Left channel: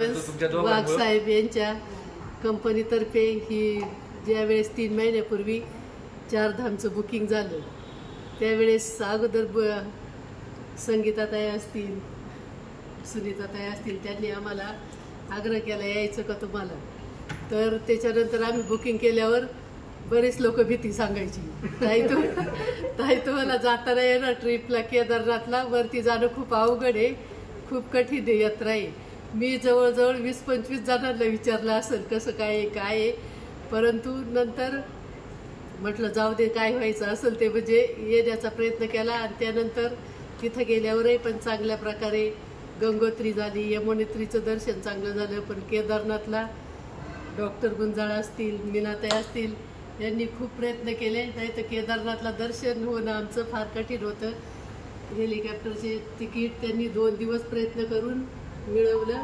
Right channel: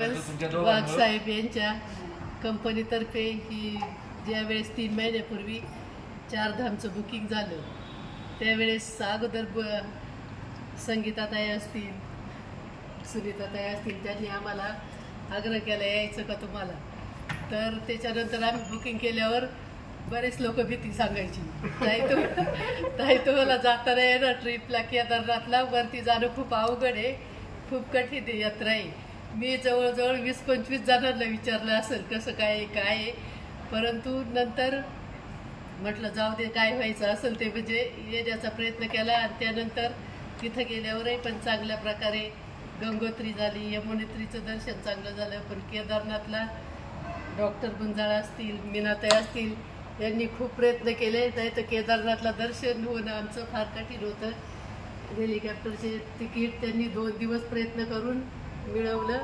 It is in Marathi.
वाघ साहेब यांच्या कंपनीतर्फे ही ज्यावेळेस 3 महिन्यापूर्वी चारधामचं बुकिंग झालं त्यावेळेस अगोदर संगीताताई असतील, सुनीताताई असतील, त्यांनी आम्हाला आग्रह केला यायचं का तुम्हाला. तर त्याच्यानंतर आम्ही बुकिंग केल्यावर बरेच लोक भीती सांगायची, ताई तुम्हाला जाताना येणार ट्रिपला केदारनाथला, वरती जाणं खूप अवघड आहे, खूप कठीण आहे, यात्रा आहे. मी जवळजवळ 20-25 जणांना विचारलं असेल कसं काय आहे, परंतु नंतर म्हटलं जाऊ दे, काय व्हायचं असेल ते म्हणजे येण्याचा प्रयत्न केला. आणि त्यानंतर तिथं गेल्यावरही पण चांगल्या प्रकारे गंगोत्री झाली, यमुनोत्रीचं दर्शन चांगलं झालं. पण केदारनाथला डॉक्टर गुंजाळ असतील, मीनाताई असतील, यांनी खूप प्रयत्न केले, नाही तर केदारनाथला दर्शन होणं आमचं फार कठीण होतं. हेलिकॉप्टरचे तिकीट त्यांनी 2 दिवस प्रयत्न करून मिळवलं.